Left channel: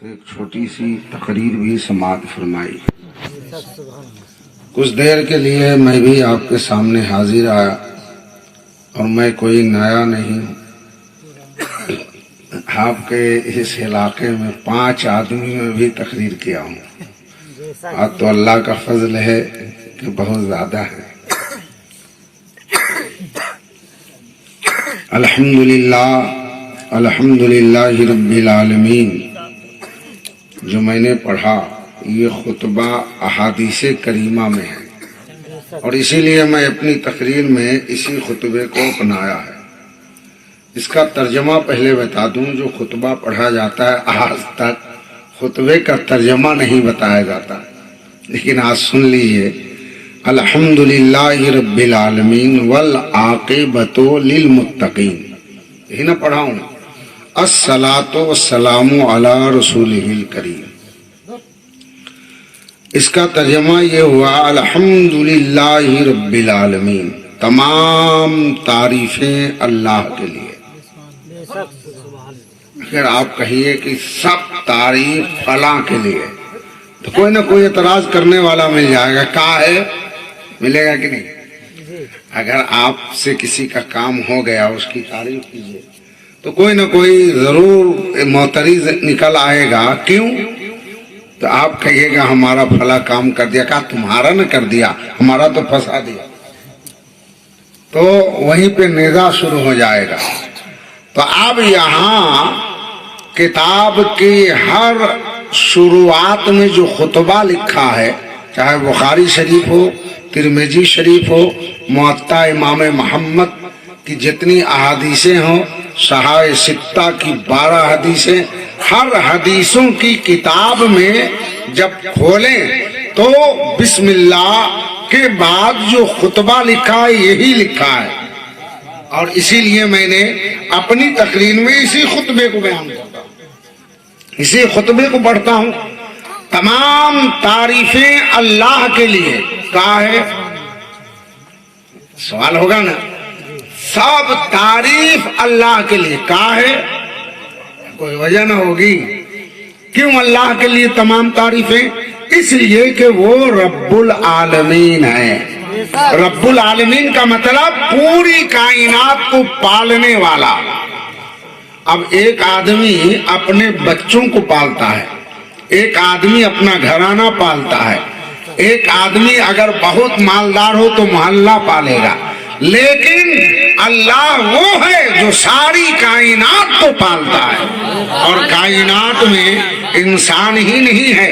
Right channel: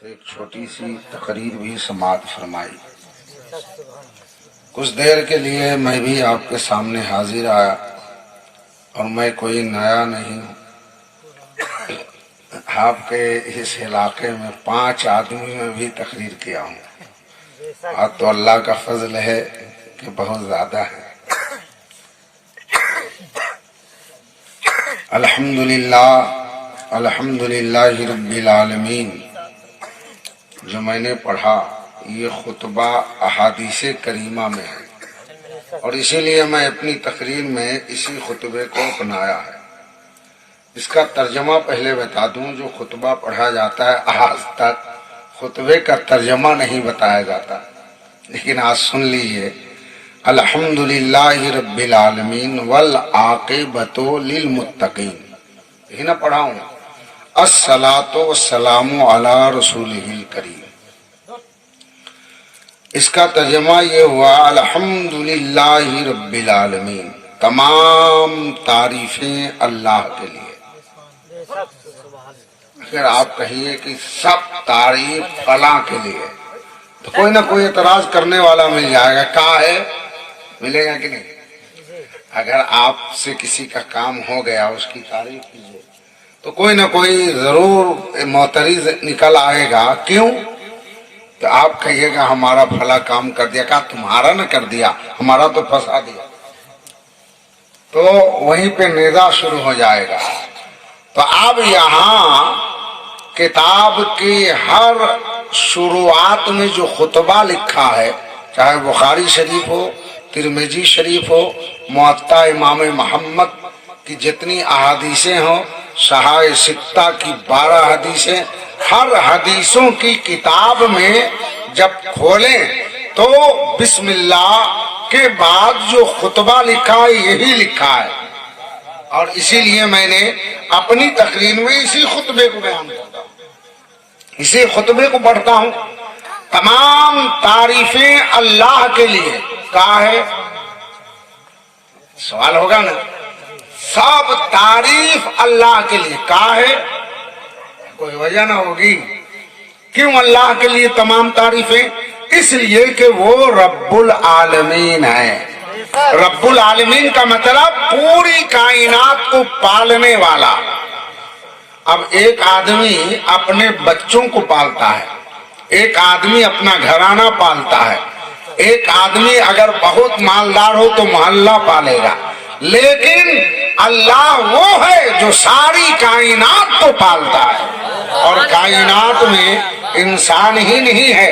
سے ایک چھوٹی سی تقریر بھی سماعت فرمائی۔ کچھ دیر کے لیے میں بھی آپ کے سامنے حاضر آیا، اور میں کوئی نیا نہیں ہوں۔ آپ کے اس علاقے میں 5 آدمی میں بھی تقریر کیا ہوں، آج تو اللہ کا فضل ہے کہ بہت زیادہ ہے۔ الحمدللہ رب العالمین۔ جو میں نے پڑھا یہ خطبہ احادیث کریمہ میں ہے، اور اسی لیے میں اپنی تقریر میں اسی خطبے کو اپنایا ہے۔ اس کا ترجمہ پہلے بتا دوں، جو خطبہ پڑھا جاتا ہے آج تک خطبے کا ترجمہ نہیں بتایا جاتا، لیکن آج سن لیجئے۔ الحمدللہ رب العالمین والعاقبۃ للمتقین، یہی نہ پڑھاؤں۔ الصلاۃ والسلام علی رسولہ الکریم۔ اس کا ترجمہ یہ ہوا، الحمدللہ رب العالمین، تمام تعریفیں اللہ کے لیے۔ اگر آپ کہیے کہ سب تعریف فلاں کے لیے، تو کوئی نہ کوئی اعتراض کرنے والا مل جائے گا، کہاں ہے؟ ملے گا کہ نہیں؟ اگر آپ سے کسی کا کام ہو گیا اس کی تعریف کیجیے تو کوئی نہ کوئی ضرور معترض نکل آئے گا۔ کیوں؟ تو آپ کہیے گا ہمارا فلاں کام کر دیا، کہا تمہارا نہ کر دیا، ہمارا تو پھنسا دیا، تو وہیں پہ نزاع شروع ہو جائے گا۔ تو اب یہاں کتاب کی ہر شروعات میں جو خطبہ لکھا ہے، چاہے بخاری شریف ہو، ترمذی شریف ہو، موطا امام محمد کی جتنی احادیثیں ہوں، صحاح ستہ کی 12 حدیثیں، ہر حدیثوں کی کتاب میں جب کھولیں تو بسم اللہ کے بعد جو خطبہ لکھا ہے یہی لکھا ہے، اور اسی لیے میں نے اپنی تقریر میں اسی خطبے کو بیان کرتا ہوں، اسی خطبے کو پڑھتا ہوں۔ تمام تعریفیں اللہ کے لیے، کہا ہے؟ سوال ہوگا نا، سب تعریف اللہ کے لیے، کہا ہے؟ کوئی وجہ نہ ہوگی۔ کیوں اللہ کے لیے تمام تعریفیں؟ اس لیے کہ وہ رب العالمین ہے۔ رب العالمین کا مطلب پوری کائنات کو پالنے والا۔ اب ایک آدمی اپنے بچوں کو پالتا ہے، ایک آدمی اپنا گھرانہ پالتا ہے، ایک آدمی اگر بہت مالدار ہو تو محلہ پالے گا، لیکن اللہ وہ ہے جو ساری کائنات کو پالتا ہے۔ اور کائنات میں انسان ہی نہیں ہے،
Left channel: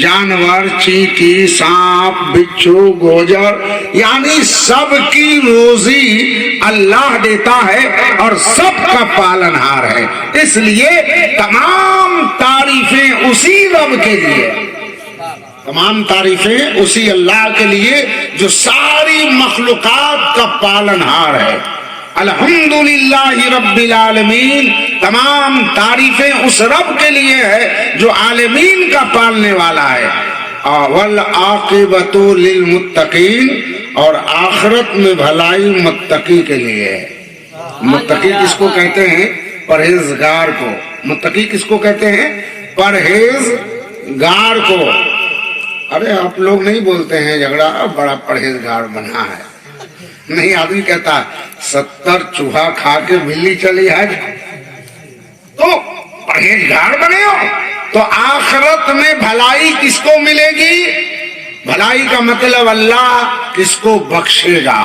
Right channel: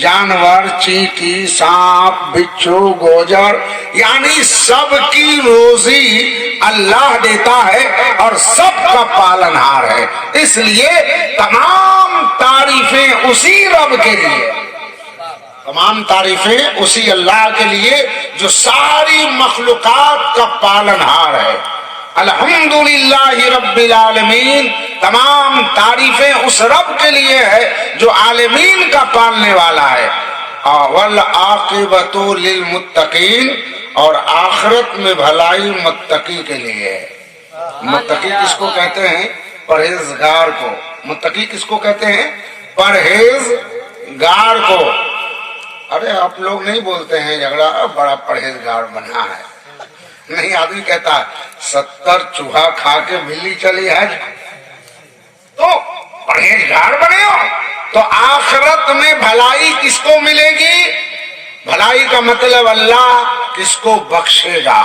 جانور، چینٹی، سانپ، بچھو، گوجر، یعنی سب کی روزی اللہ دیتا ہے اور سب کا پالنہار ہے۔ اس لیے تمام تعریفیں اسی رب کے لیے، تمام تعریفیں اسی اللہ کے لیے جو ساری مخلوقات کا پالنہار ہے۔ الحمدللہ رب العالمین، تمام تعریفیں اس رب کے لیے ہے جو عالمین کا پالنے والا ہے۔ والعاقبۃ للمتقین، اور آخرت میں بھلائی متقی کے لیے ہے۔ متقی کس کو کہتے ہیں؟ پرہیزگار کو۔ متقی کس کو کہتے ہیں؟ پرہیزگار کو۔ ارے آپ لوگ نہیں بولتے ہیں جھگڑا بڑا پرہیزگار بنا ہے، نہیں، آدمی کہتا ہے 70 چوہا کھا کے بلی چلی ہے تو پرہیزگار بنے ہو۔ تو آخرت میں بھلائی کس کو ملے گی؟ بھلائی کا مطلب اللہ کس کو بخشے گا،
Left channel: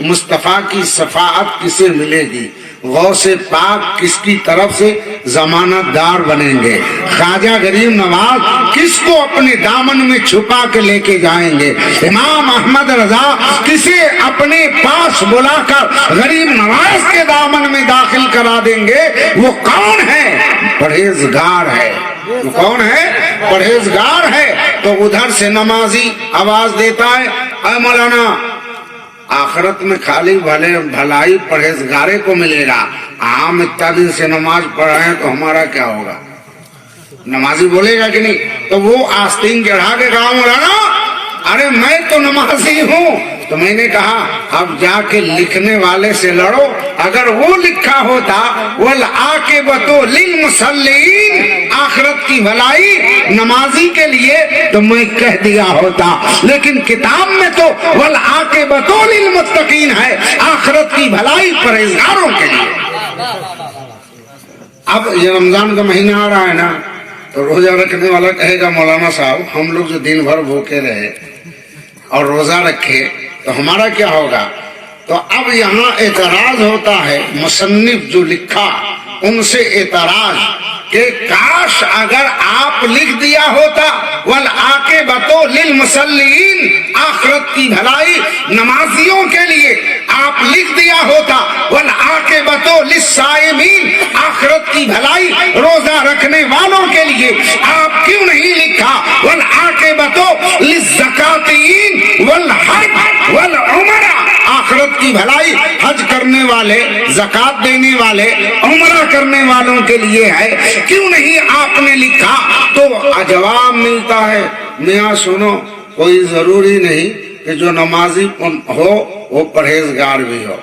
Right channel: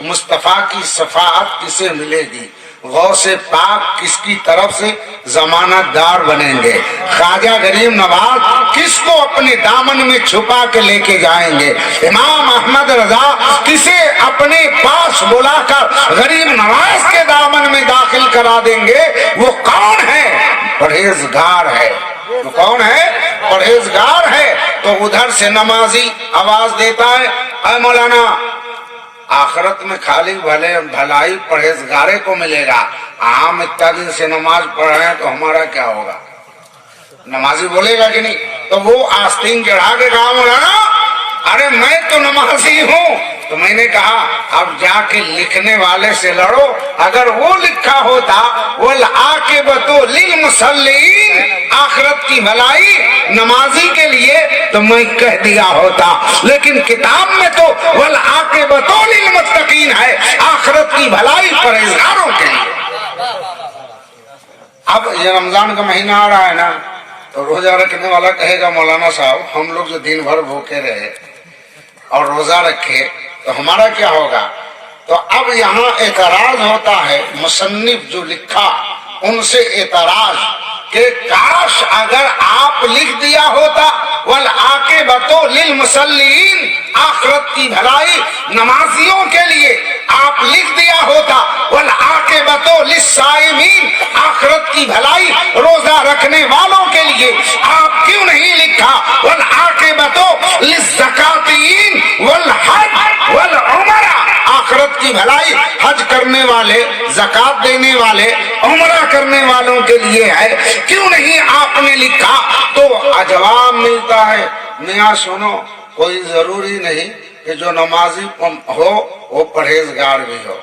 مصطفیٰ کی شفاعت کسے ملے گی، غوث پاک کس کی طرف سے ضمانت دار بنیں گے، خواجہ غریب نواز کس کو اپنے دامن میں چھپا کے لے کے جائیں گے، امام احمد رضا کسے اپنے پاس بلا کر غریب نواز کے دامن میں داخل کرا دیں گے؟ وہ کون ہے؟ پرہیزگار ہے۔ وہ کون ہے؟ پرہیزگار ہے۔ تو ادھر سے نمازی آواز دیتا ہے، اے مولانا آخرت میں خالی بھلائی پرہیزگارے کو ملے گا، عام اتنا دن سے نماز پڑھ رہے ہیں تو ہمارا کیا ہوگا؟ نمازی بولے گا کہ نہیں؟ تو وہ آستین چڑھا کے کہا، مولانا ارے میں تو نمازی ہوں۔ تو میں نے کہا اب جا کے لکھنے والے سے لڑو، اگر وہ لکھا ہوتا والعاقبۃ للمصلین، آخرت کی بھلائی نمازی کے لیے تو میں کہہ دیا ہوتا، لیکن کتاب میں تو والعاقبۃ للمتقین ہے، آخرت کی بھلائی پرہیزگاروں کے لیے۔ اب یہ رمضان کا مہینہ آ رہا ہے نا، تو روزہ رکھنے والا کہے گا مولانا صاحب ہم لوگ جو دن بھر بھوکے رہے اور روزہ رکھے تو ہمارا کیا ہوگا؟ تو اب یہاں اعتراض ہوتا ہے، مصنف جو لکھا ان سے اعتراض کہ کاش اگر آپ لکھ دیا ہوتا والعاقبۃ للمصلین، آخرت کی بھلائی نمازیوں کے لیے آپ لکھ دیا ہوتا، والعاقبۃ للصائمین، آخرت کی بھلائی روزہ رکھنے والوں کے لیے آپ کیوں نہیں لکھا والعاقبۃ للزکاتین والحج والعمرہ، آخرت کی بھلائی حج کرنے والے، زکات دینے والے، عمرہ کرنے والوں کے لیے ہے، کیوں نہیں آپ نے لکھا؟ تو جواب ملتا ہے میاں سنو، کوئی ضروری نہیں کہ جو نمازی ہو وہ پرہیزگار بھی ہو،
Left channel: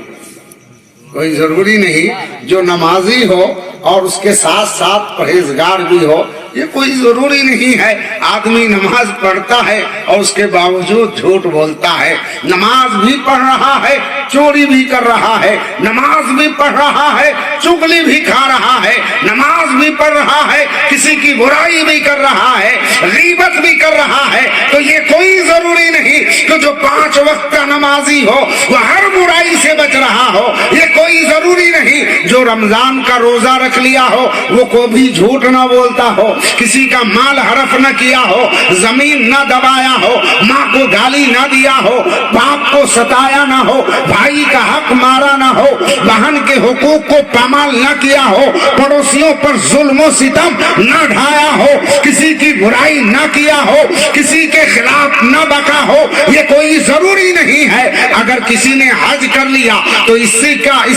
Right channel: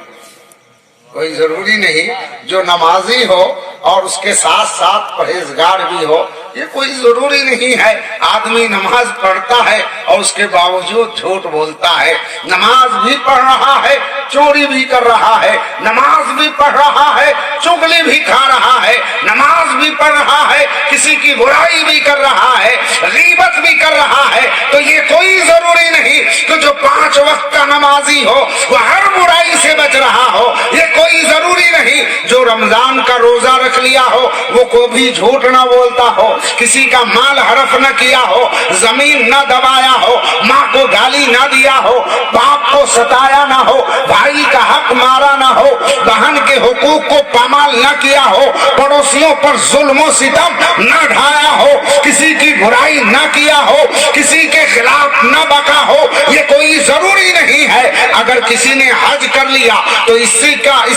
کوئی ضروری نہیں جو نمازی ہو اور اس کے ساتھ ساتھ پرہیزگار بھی ہو، یہ کوئی ضروری نہیں ہے۔ آدمی نماز پڑھتا ہے اور اس کے باوجود جھوٹ بولتا ہے، نماز بھی پڑھ رہا ہے چوری بھی کر رہا ہے، نماز بھی پڑھ رہا ہے چغلی بھی کھا رہا ہے، نماز بھی پڑھ رہا ہے کسی کی برائی بھی کر رہا ہے، غیبت بھی کر رہا ہے، تو یہ کوئی ضروری نہیں کہ جو 5 وقت کا نمازی ہو وہ ہر برائی سے بچ رہا ہو، یہ کوئی ضروری نہیں جو رمضان کا روزہ رکھ لیا ہو وہ کبھی جھوٹ نہ بولتا ہو، کسی کا مال حرف نہ کیا ہو، زمین نہ دبایا ہو، ماں کو گالی نہ دیا ہو، باپ کو ستایا نہ ہو، بھائی کا حق مارا نہ ہو، بہن کے حقوق کو پامال نہ کیا ہو، پڑوسیوں پر ظلم و ستم نہ ڈھایا ہو، کسی کی برائی نہ کیا ہو، کسی کے خلاف نہ بکا ہو، یہ کوئی ضروری نہیں ہے۔ اگر کسی نے حج کر لیا تو اس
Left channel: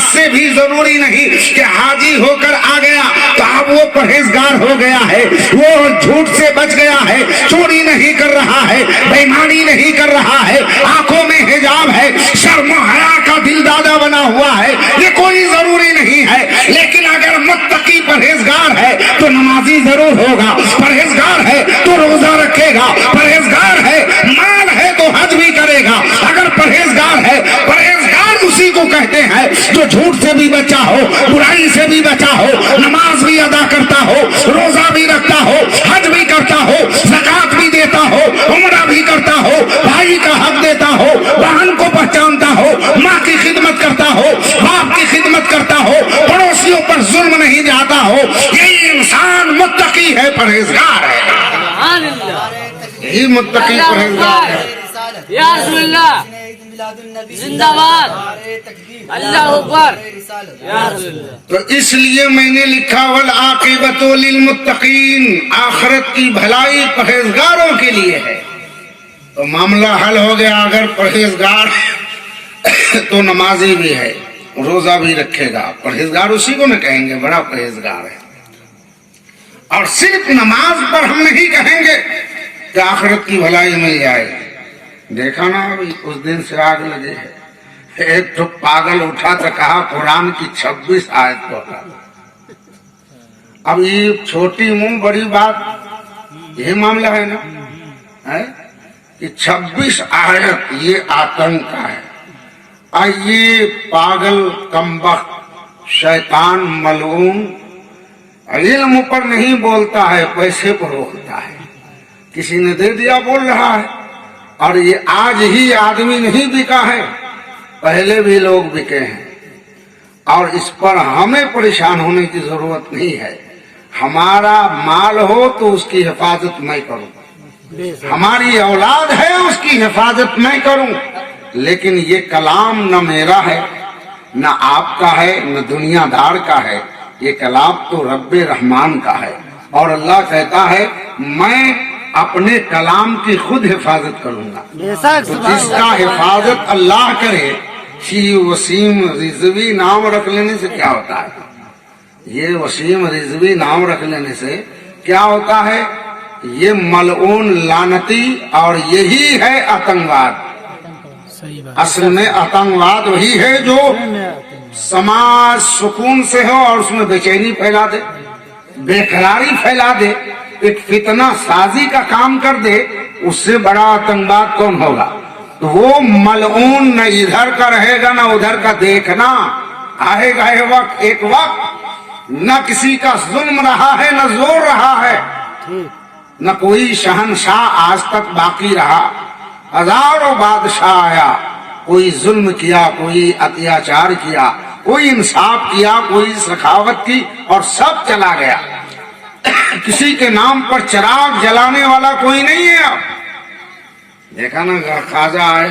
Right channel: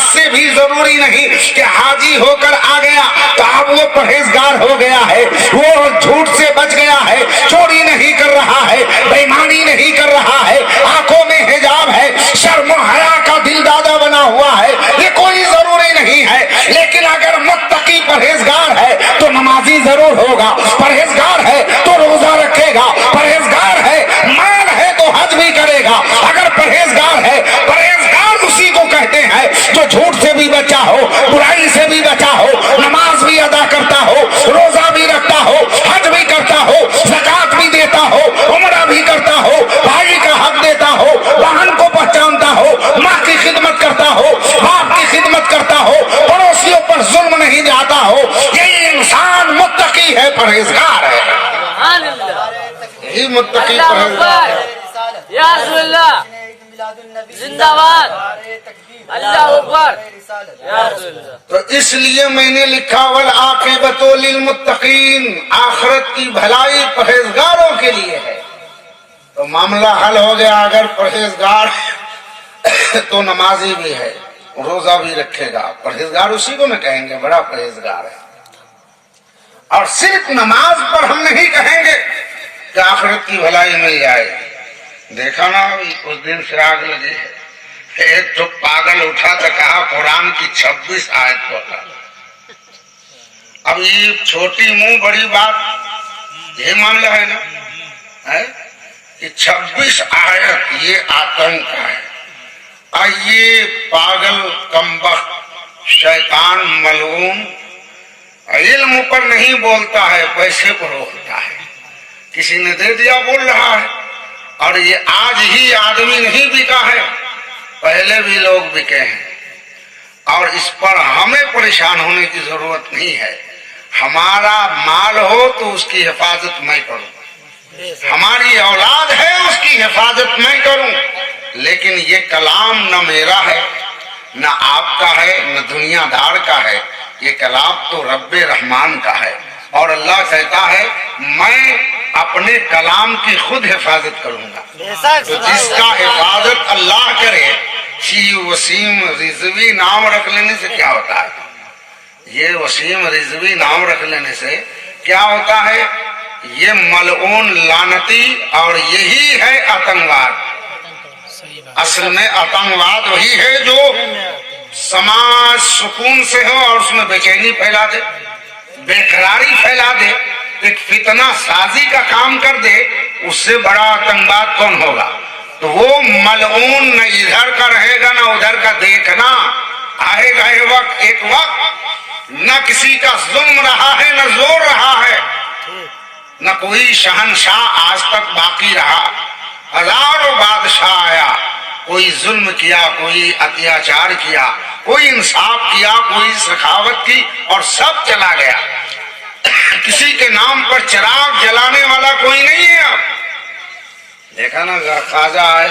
سے بھی ضروری نہیں کہ حاجی ہو کر آ گیا تو اب وہ پرہیزگار ہو گیا ہے، وہ جھوٹ سے بچ گیا ہے، چوری نہیں کر رہا ہے، بےایمانی نہیں کر رہا ہے، آنکھوں میں حجاب ہے، شرم و حیا کا دل دادا بنا ہوا ہے، یہ کوئی ضروری نہیں ہے۔ لیکن اگر متقی پرہیزگار ہے تو نمازی ضرور ہوگا، پرہیزگار ہے تو روزہ رکھے گا، پرہیزگار ہے مال ہے تو حج بھی کرے گا۔ اگر پرہیزگار ہے، پرہیزگار اسی کو کہتے ہیں جو جھوٹ سے بھی بچا ہو، برائی سے بھی بچا ہو، نماز بھی ادا کرتا ہو، روزہ بھی رکھتا ہو، حج بھی کرتا ہو، زکات بھی دیتا ہو، عمرہ بھی کرتا ہو، بھائی کا حق دیتا ہو، بہن کو پہچانتا ہو، ماں کی خدمت کرتا ہو، باپ کی خدمت کرتا ہو، پڑوسیوں پر ظلم نہیں جاتا ہو، یہی انسان متقی ہے، پرہیزگار ہے، یہی متقی پرہیزگار ہے۔ یا رسول اللہ زندہ باد، اللہ اکبر، یا رسول اللہ۔ تو اس لیے میں نے لکھا والعاقبۃ للمتقین، آخرت کی بھلائی پرہیزگاروں کے لیے ہے۔ تو معاملہ حل ہو گیا، اگر پرہیزگار تو نمازی بھی ہے، روزہ بھی رکھے گا، پرہیزگار اسی کو نہ کہیں گے بڑا پرہیزگار ہے۔ اور صرف نماز پر ہم نہیں کہیں گے کہ آخرت کی بھلائی مل جائے۔ دیکھا نا اس دن سے آگ لگی ہے، ایک تو پاگل اٹھا تو کہا قرآن کی 26 آیت کو ہٹا۔ اب یہ چھوٹی منہ بڑی بات، یہ معاملہ ہے نا کہ 26 آیت یہ آتنک کا ہے۔ یہ پاگل کمبخت شیطان ملعون علم پر نہیں بولتا ہے، پیسے پر بولتا ہے، کسی نے دے دیا بول رہا ہے۔ اور یہ آج ہی آدمی نہیں بکا ہے، پہلے بھی لوگ بکے ہیں، اور اس پر ہمیں پریشان ہونے کی ضرورت نہیں ہے۔ ہمارا مال ہو تو اس کی حفاظت میں کروں، ہماری اولاد ہے اس کی حفاظت میں کروں، لیکن یہ کلام نہ میرا ہے نہ آپ کا ہے نہ دنیا دار کا ہے، یہ کلام تو رب رحمان کا ہے، اور اللہ کہتا ہے میں اپنے کلام کی خود حفاظت کروں گا۔ تو جس کا حفاظت اللہ کرے، یہ وسیم رضوی نام رکھ لینے سے کیا ہوتا ہے؟ یہ وسیم رضوی نام رکھ لینے سے کیا ہوتا ہے؟ یہ ملعون لعنتی، اور یہی ہے آتنکواد۔ اصل میں آتنکواد وہی ہے جو سماج سکون سے ہو اور اس میں بے چینی پھیلا دے، बेकरारी फैला दे, एक फितना साजी का काम कर दे, उससे बड़ा आतंकवाद कौन होगा। तो वो मलऊन न इधर का रहेगा न उधर का। देखना आएगा एक वक्त न किसी का जुल्म रहा है न जोर रहा है, न कोई शहनशाह आज तक बाकी रहा। हजारों बादशाह आया, कोई जुल्म किया, कोई अत्याचार किया, कोई इंसाफ किया, कोई सखावत की, और सब चला गया। किसी के नाम पर चिराग जलाने वाला कोई नहीं है। अब देखा ना, खाजा आए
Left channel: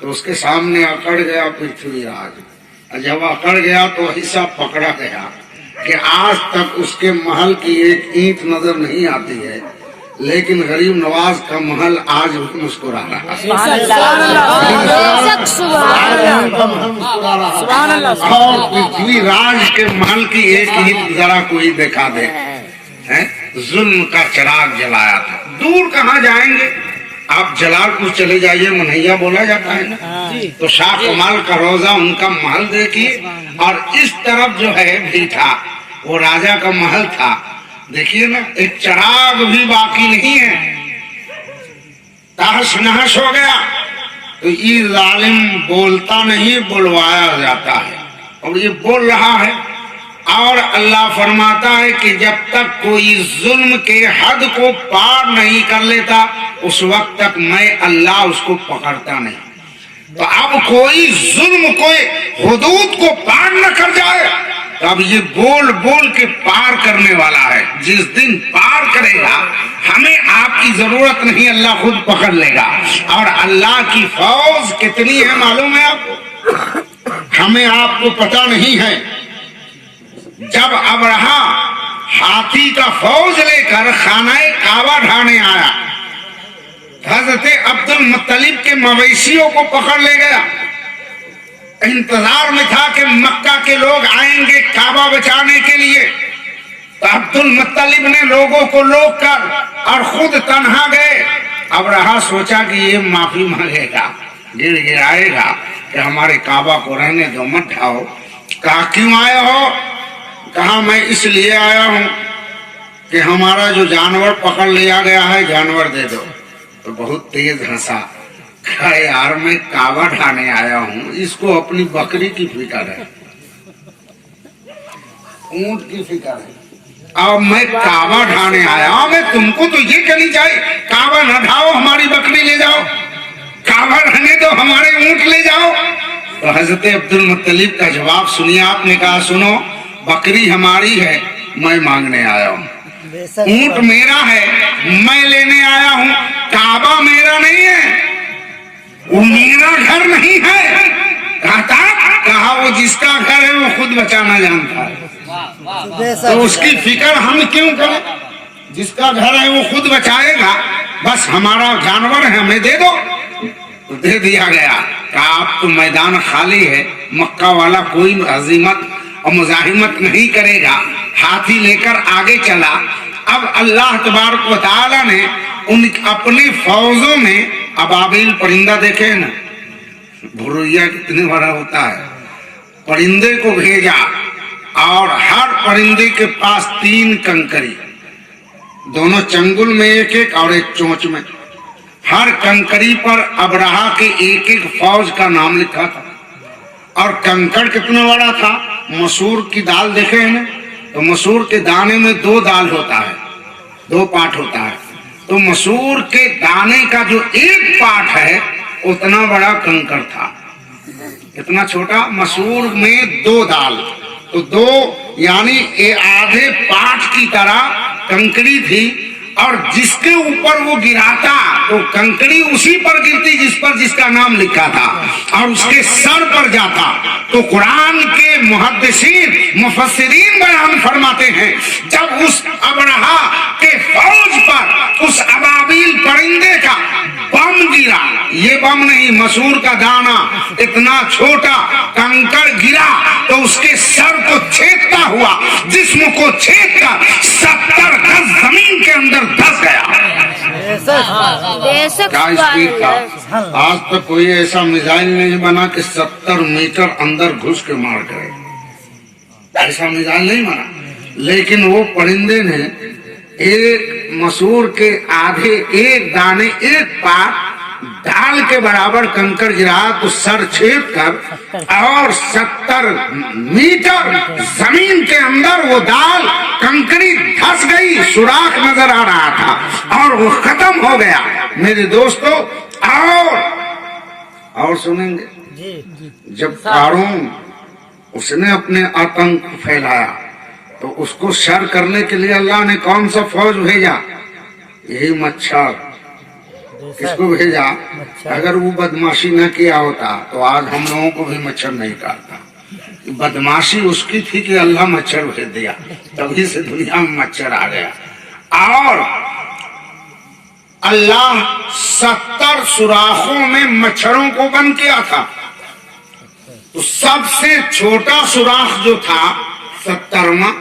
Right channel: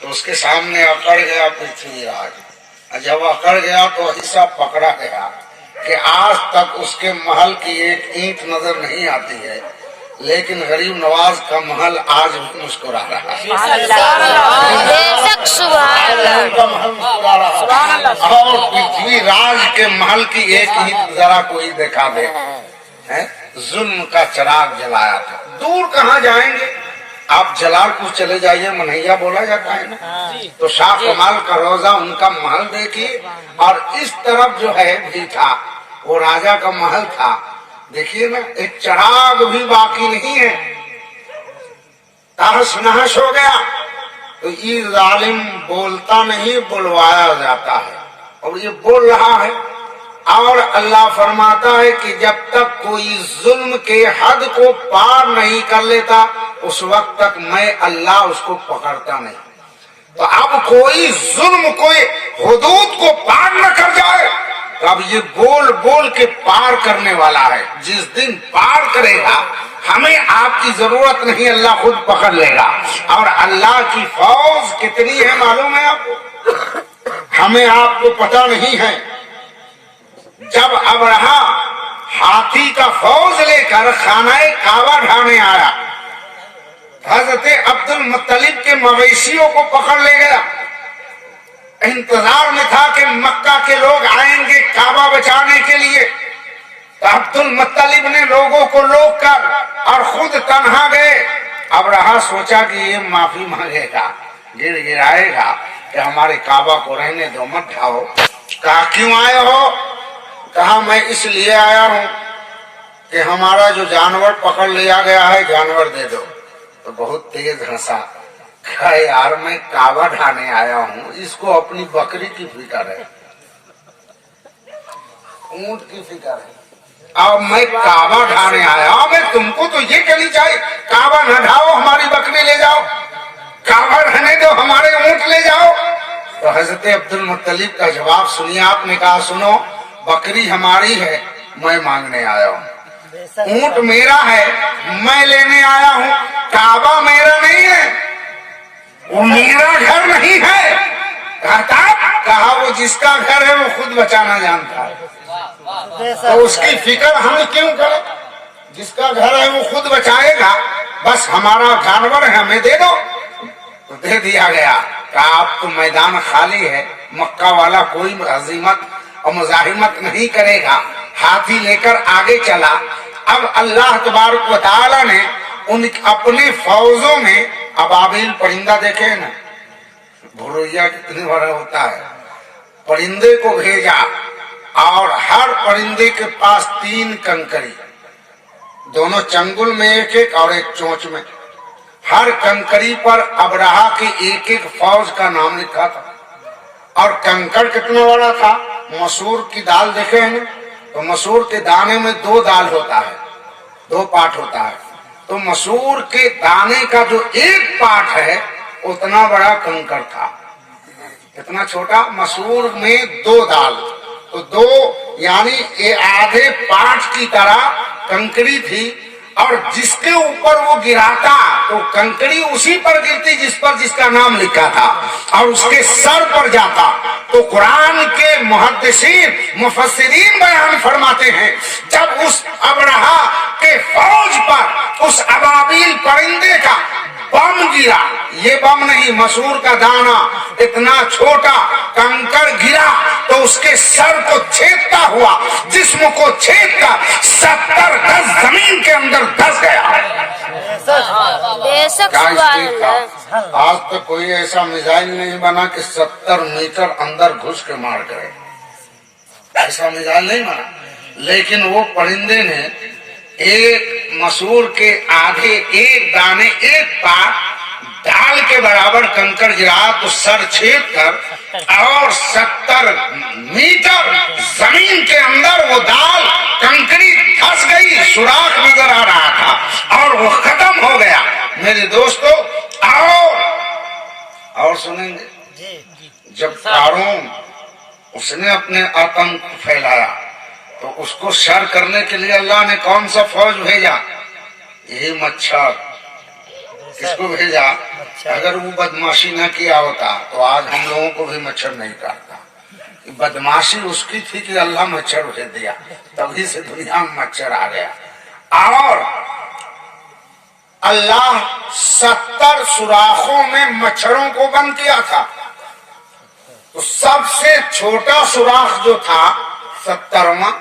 तो उसके सामने अकड़ गया पृथ्वीराज, और जब अकड़ गया तो हिस्सा पकड़ा गया कि आज तक उसके महल की एक ईंट नजर नहीं आती है, लेकिन गरीब नवाज का महल आज भी मुस्कुरा रहा है। उनका महल मुस्कुरा रहा है, और पृथ्वीराज के महल की एक ईंट जरा कोई देखा दे, है जुल्म का चिराग जलाया था। दूर कहाँ जाएंगे, आप जलालपुर चले जाइए, मनैया बोला जाता है ना, तो शाह कमाल का रोजा उनका महल देखिए, और इस तरफ जो है भीठा वो राजा का महल था। देखिए ना, एक चिराग भी बाकी नहीं है, तहस नहस हो गया। तो ये जालिम बोलता नहीं, बुलवाया जाता है, और ये बोल रहा है। और अल्लाह फरमाता है कि जब तक कोई जुल्म के हद को पार नहीं कर लेता, उस वक्त तक मैं अल्लाह उसको पकड़ता नहीं। तो अब कोई जुल्म, कोई हुदूद को पार न कर जाए, तो अब ये बोल बोल के पार करने वाला है। जिस दिन पार करेगा, हमें आपकी जरूरत नहीं, अल्लाह खुद पकड़ लेगा। और अल्लाह की फौज कितनी है मालूम है आपको? हमें आपको पता नहीं है। जब अबरहा हाथी का फौज लेकर खानाए काबा ढाने आया, हजरत अब्दुल मुत्तलिब के मवेशियों को पकड़ ले गया। इंतजार में था कि मक्का के लोग आएंगे काबा बचाने के लिए। तो अब्दुल मुत्तलिब ने लोगों को रोक कर और खुद तन्हा गए। अबरहा सोचा कि ये माफी मांगेगा, गिड़ गिराएगा कि हमारे काबा को रहने दो, मत ढाओ। कहा क्यों आए हो? कहा मैं इसलिए आया हूं कि हमारा जो जानवर पकड़ लिया गया है, जानवर दे दो। तो बहुत तेज हंसा, कहा यार मैं काबा ढाने आया हूं, इसको अपनी बकरी की फिक्र है, ऊंट की फिक्र है, और मैं काबा ढाने आया हूं। मैं तुमको तो ये कहनी चाहिए काबा न ढाओ, हमारी बकरी ले जाओ, काबा रहने दो, हमारे ऊंट ले जाओ। तो हजरत अब्दुल मुत्तलिब का जवाब सुनिए। आपने कहा सुनो, बकरी हमारी है, मैं मांगने आया हूँ, ऊंट मेरा है, मैं लेने आया हूँ, काबा मेरा नहीं है, वो मेरा घर नहीं है। कहा वो जिसका घर है वो खुद बचाना जानता है, तो उसकी फिक्र हम क्यों करें? जिसका घर है वो खुद बचाएगा, बस हमारा जानवर है, हमें दे दो। तो दे दिया गया। कहा अब तो मैदान खाली है, मक्का वाला कोई अजीमत और मुजाहिमत नहीं करेगा। हाथी लेकर आगे चला। अब अल्लाह तबारक व तआला ने उन अपने फौजों में अबाबिल परिंदा देखे ना, भुरैया कितने बड़ा होता है, परिंदे को भेजा, और हर परिंदे के पास 3 कंकरी, दोनों चंगुल में एक एक और एक चोंच में। हर कंकरी पर अबरहा के एक एक फौज का नाम लिखा था। और कंकड़ कितना बड़ा था? मसूर की दाल देखे हैं ना, तो मसूर के दाने में 2 दाल होता है, 2 पार्ट होता है। तो मसूर के दाने का जो एक पार्ट है उतना बड़ा कंकड़ था। इतना छोटा, मसूर में 2 दाल, तो 2 यानी आधे पार्ट की तरह कंकड़ी थी। और जिसके ऊपर वो गिराता तो कंकड़ी उसी पर गिरती जिसका नाम लिखा था, और उसके सर पर जाता। तो कुरान के मुहद्दिसीन मुफस्सिरीन बयान फरमाते हैं, जब उस अबरहा के फौज पर उस अबाबिल परिंदे का बम गिरा, ये बम नहीं, मसूर का दाना इतना छोटा कंकड़ गिरा, तो उसके सर को छेदता हुआ जिस्म को छेद कर 70 गज जमीन के अंदर धस गया। क्या स्पीड था? आज तक कोई ऐसा मिसाइल नहीं बना कि 70 मीटर अंदर घुस के मार करे, ऐसा मिसाइल नहीं बना। लेकिन वो परिंदे ने एक मसूर के आधे एक दाने एक पाक दाल के बराबर कंकर गिरा तो सर छेद कर और 70 मीटर जमीन के अंदर वो दाल कंकड़ी धंस गई, सुराख नजर आ रहा था और वो खत्म हो गया। मेरे दोस्तों और सुनेंगे, जब कारून उसने अपने आतंक फैलाया तो उसको शर करने के लिए अल्लाह ने कौन सा फौज भेजा? यही मच्छर, इसको भेजा। अगर वो बदमाशी न किया होता तो आज हम लोगों को भी मच्छर नहीं काटता। बदमाशी उसकी थी कि अल्लाह मच्छर भेज दिया, तभी से दुनिया में मच्छर आ गया। और अल्लाह 70 सुराखों में मच्छरों को बंद किया था। तो सबसे छोटा सुराख जो था 70वां,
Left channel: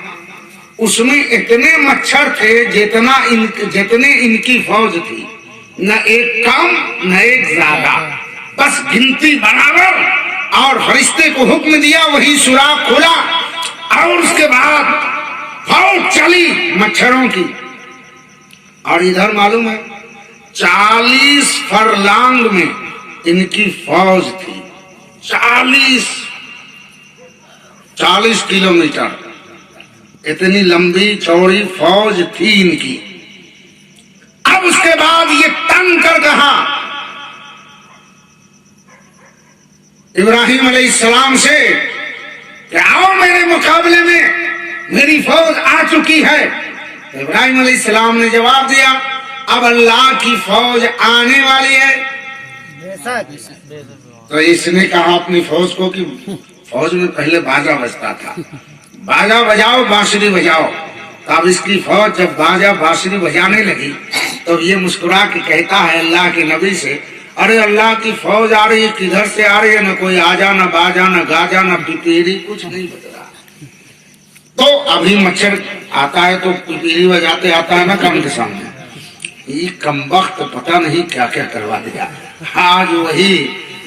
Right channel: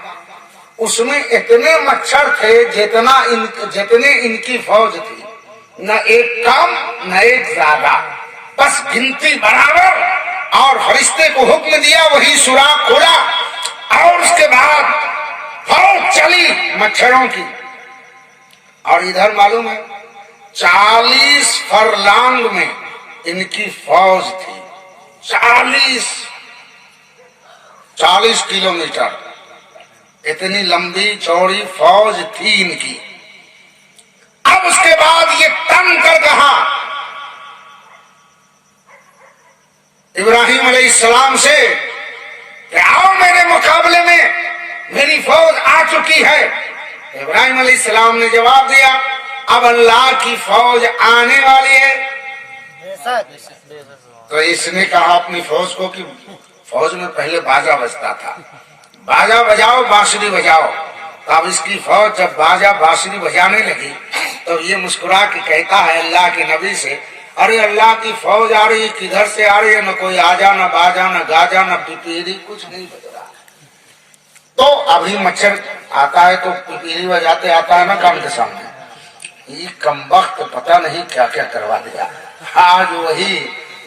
उसमें इतने मच्छर थे जितने इनकी फौज थी, न एक कम न एक ज्यादा, बस गिनती बराबर। और फरिश्ते को हुक्म दिया, वही सुराख खुला और उसके बाद फौज चली मच्छरों की। और इधर मालूम है 40 फरलांग में इनकी फौज थी। 40 किलोमीटर इतनी लंबी चौड़ी फौज थी इनकी। अब उसके बाद ये तंग कर कहा इब्राहिम अलैहिस्सलाम से कि आओ मेरे मुकाबले में, मेरी फौज आ चुकी है। इब्राहिम अलैहिस्सलाम ने जवाब दिया, अब अल्लाह की फौज आने वाली है। तो इसने कहा अपनी फौज को कि फौज में पहले बाजा बजता था, बाजा बजाओ बांसुरी बजाओ। तब इसकी फौज जब बाजा बांसुरी बजाने लगी तो ये मुस्कुरा के कहता है अल्लाह के नबी से, अरे अल्लाह की फौज आ रही है, किधर से आ रही है? न कोई आजा न बाजा न गाजा न पिपीरी, कुछ नहीं बज रहा। तो अभी मच्छर आता है तो पिपीरी बजाते आता है ना कान के सामने। ये कमबख्त पता नहीं क्या क्या करवा दिया। आज वही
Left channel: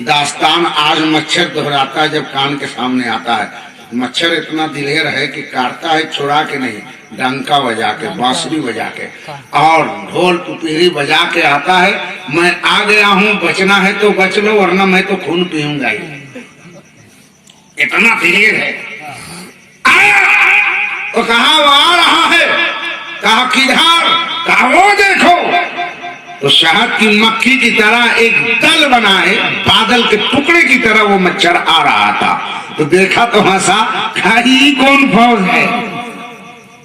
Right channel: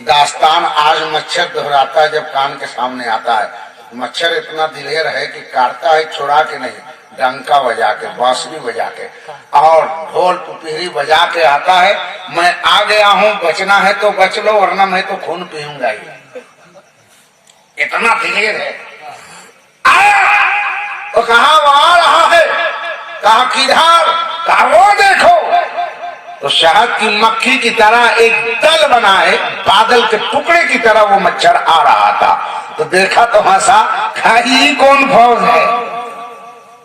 दास्तान आज मच्छर दोहराता है जब कान के सामने आता है। मच्छर इतना दिलेर है कि काटता है छुड़ा के नहीं, डंका बजा के, बांसुरी बजा के और ढोल पिपीरी बजा के आता है। मैं आ गया हूँ, बचना है तो बच लो वरना मैं तो खून पीऊंगा ही। इतना दिलेर है। आया तो कहा वो आ रहा है, कहा किधर? कहा वो देखो। तो शहद की मक्खी की तरह एक दल बनाए, बादल के टुकड़े की तरह वो मच्छर आ रहा था। तो देखा तो हंसा, खाई कौन फौज है?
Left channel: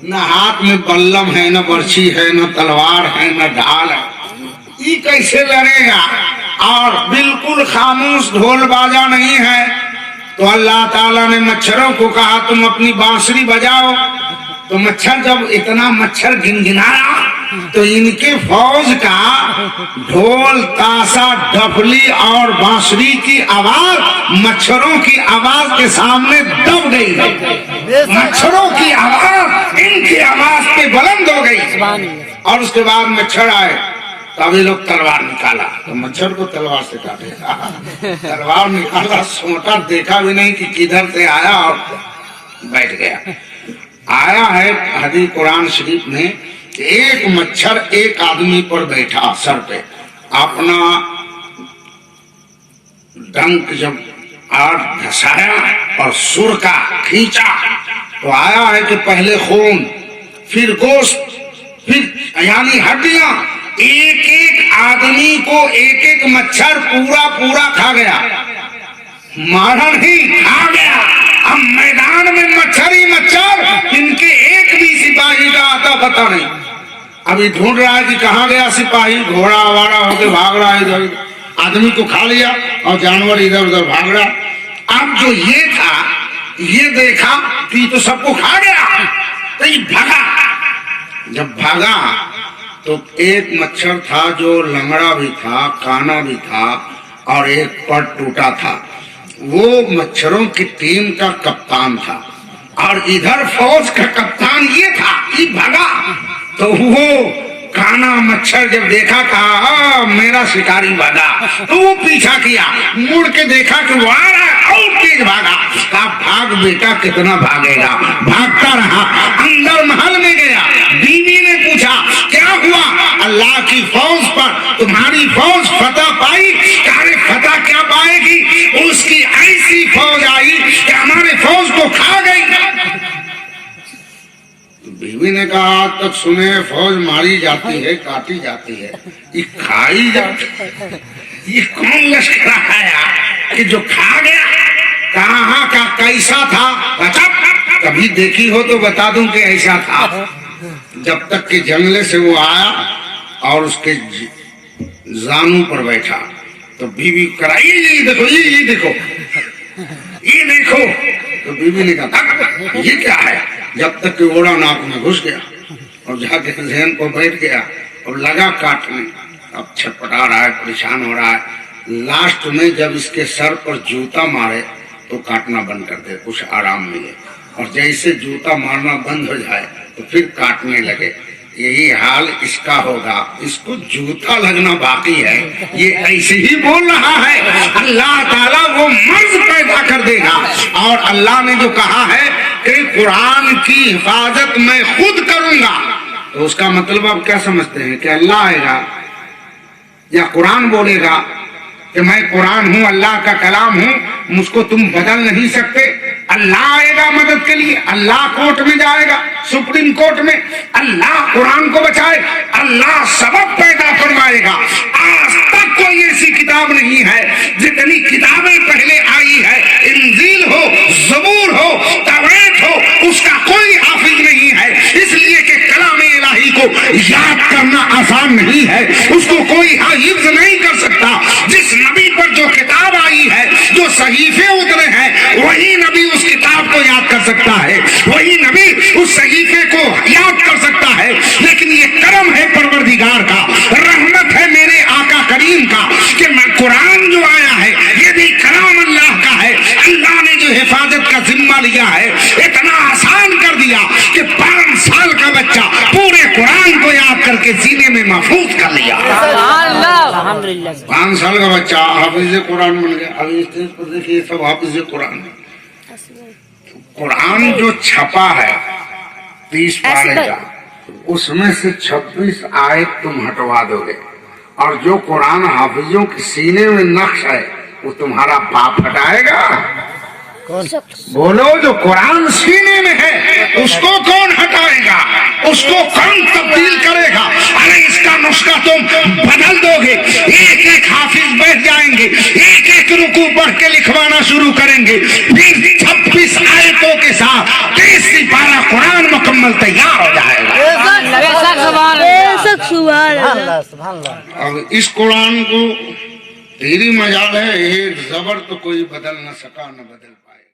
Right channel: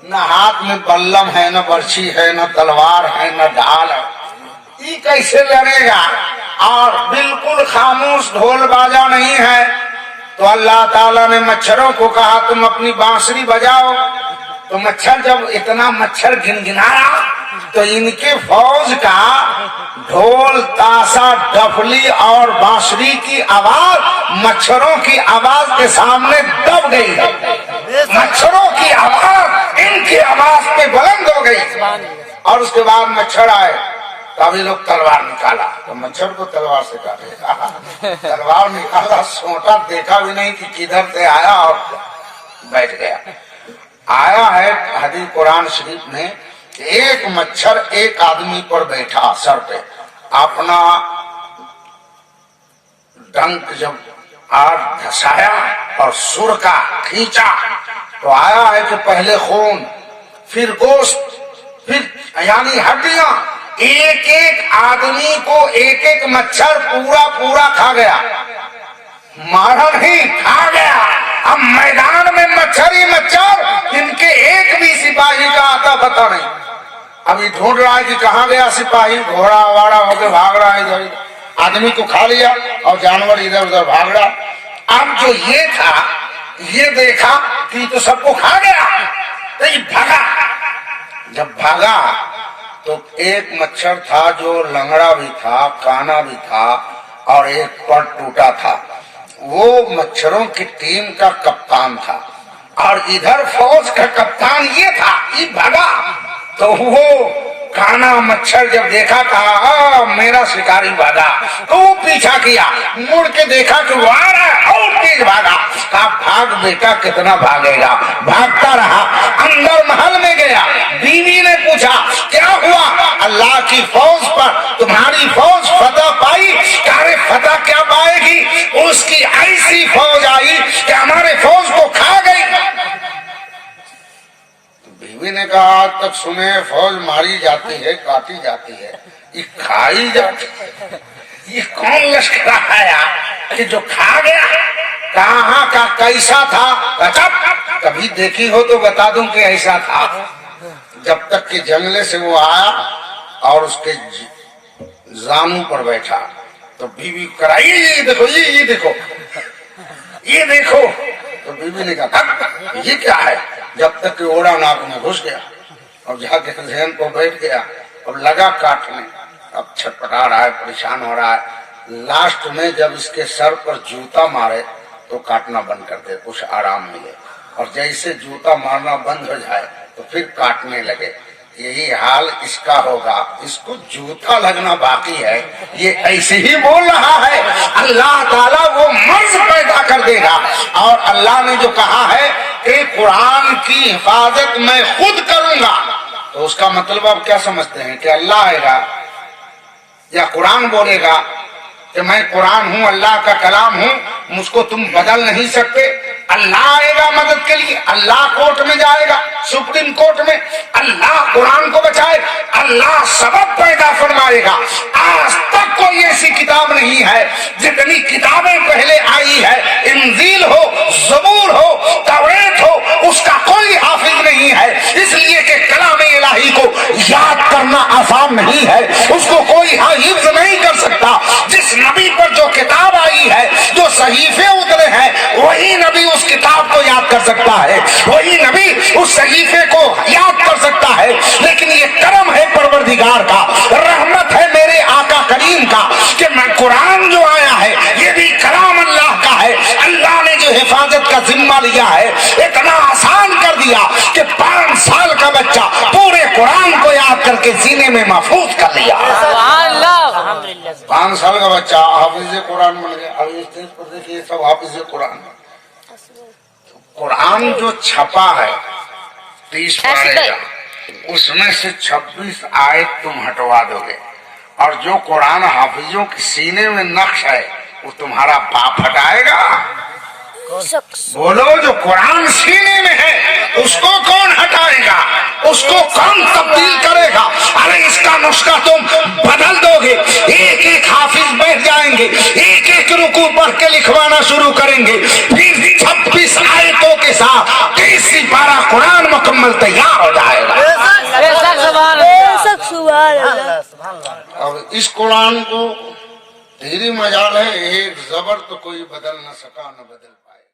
न हाथ में बल्लम है, न बर्छी है, न तलवार है, न ढाल है। ये कैसे लड़ेगा? और बिल्कुल खामोश, ढोल बाजा नहीं है। तो अल्लाह ताला ने मच्छरों को कहा तुम अपनी बांसुरी बजाओ। तो मच्छर जब इतना मच्छर गिनगिनाया तो इनके फौज का ढोल ताशा डफली और बांसुरी की आवाज मच्छरों की आवाज के सामने दब गई। मच्छरों की आवाज इनकी आवाज पे बुलंद हो गई। और उसके बाद मच्छर आए, तभी लोग तलवार निकाला। तो मच्छर को तलवार से काटेगा, तलवार निकाला, सोटा देखा भी नहीं कि किधर से आया और बैठ गया। आया है हदीस कुरान शरीफ में, एक मच्छर एक आदमी पर बैठा, सर पे अपना डंक जब आग धसाया और सुर का खींचा तो आया है कि पहले खून, फिर गोश्त, फिर यानी हड्डियां, एक एक आदमी को एक एक मच्छर पूरा खा गया। मारा नहीं, खा गया। अब मैदान में मच्छर ही मच्छर, इनके एक भी सिपाही का आता पता नहीं। अभी ढूंढ रहा है कि कहाँ गया सिपाही, घोड़ा वाड़ा होके भाग रहा है इधर। आदमी को खा लिया और जानवर इधर उधर भाग रहा। अब जो ये था, ये देखा कि तो सबको खा गया, तो ये भागा। जब भागा तो एक मच्छर था जो लंगड़ा भी था, काना भी था और एक पट टूटा था। वो मच्छरों की टीम का कप्तान था और इधर फौज का कप्तान ये था। ये भागा तो वो काना मच्छर जब देखा, कहा मेरा शिकारी भागा, तो वो पीछा किया। मुड़ के देखा कि वो आ रहा है, और तेज भागा। कहा भाग बेटा, कितना भागेगा। भागता रहा, अंदर महल में गया। बीवी ने पूछा क्या हुआ? अल्लाह की फौज पर तुम्हारी फौज फतह पाई? अरे फतह क्या पाएगी, उसकी ऐसी फौज आई कि हमारे फौज को खा गई। तो बीवी ने कहा आज तक सुने फौज मारी जाती है, काटी जाती है, ये खाई जाती है। ये कौन लश्कर आया कि जो खा गया? कहाँ का कैसा था? बता, कभी देखी हो तो बता दूं कि ऐसा था। जब तक कि जंगले से वो आया और उसके जानू पर बैठा तो बीवी कराइए ये देखो, ये देखो, ये देखो। तो बीवी ने कहा ये क्या है? जब तक कि ओड़ा नाक में घुस गया और जाके जहन को बैठ गया और लगा काटने। अब छटपटा रहा है, परेशान हो रहा है। लास्ट में जब इसके सर पर जूता मारे तो काटना बंद कर दे, कुछ आराम मिले। और जैसे जूता मारना बंद हो जाए तो फिर काटने लगे। यही हाल इसका होगा, इसको जूता लगना बाकी है। ये ऐसे ही बोल रहा है। अल्लाह ताला वो मर्ज पैदा कर देगा। और अल्लाह ने जो कहा है कि कुरान की हिफाजत मैं खुद करूंगा, तो उसका मतलब आप क्या समझते हैं कि अल्लाह आएगा या कुरान बोलेगा कि मैं कुरान हूं, अल्लाह का कलाम हूं, मुझको तुम बदल नहीं सकते? अल्लाह आएगा मदद के लिए, अल्लाह कोर्ट में जाएगा, सुप्रीम कोर्ट में, अल्लाह कुरान को बचाए, अल्लाह सबब पैदा फरमाएगा। आज तक कोई ऐसी किताब नहीं है, जितनी किताबें पहले आई है, इंजील हो, ज़बूर हो, तौरात हो, उसका कोई हाफिज नहीं है। इसलिए कि कलाम इलाही को याद करना आसान नहीं है, उसको कोई हिफ्ज नहीं कर सकता। जिस नबी पर जो किताब आई है, जो सहीफे उतरे हैं, वही नबी उस किताब को याद कर सकता है, वही नबी उस सहीफे को याद कर सकता है। लेकिन ये करम है परवरदिगार का, रहमत है मेरे आका करीम का कि मैं कुरान जो आया है ये भी कलाम अल्लाह का है। अल्लाह ने जो हिफाजत का जिम्मा लिया है इतना आसान कर दिया कि 5 साल का बच्चा पूरे कुरान को याद करके सीने में महफूज कर लिया। 5 साल का बच्चा हाफिज कुरान बन गया। अभी स्टेज पर देखिए सब हाफिज कुरान। कुरान जो छपा है 30 पारे का, उसमें से 26 आयत तुम हटवा दोगे, और जो कुरान हाफिजों के सीने में नक्श है वो तुम्हारा बाप हटाएगा? बोलो, जो कुरान सीने में है उसको कौन हटाएगा? उसको कौन तब्दील करेगा? अरे इसका नुस्खा तुम बदल दोगे। एक एक हाफिज बैठ जाएंगे, एक एक रुकू पढ़ के लिखवाना शुरू करेंगे, फिर 26 आयतों के साथ 30 पारा कुरान मुकम्मल तैयार हो जाएगा। अब इस कुरान को तेरी मजाल है, एक जबर तो कोई बदल न सका न बदल पाए।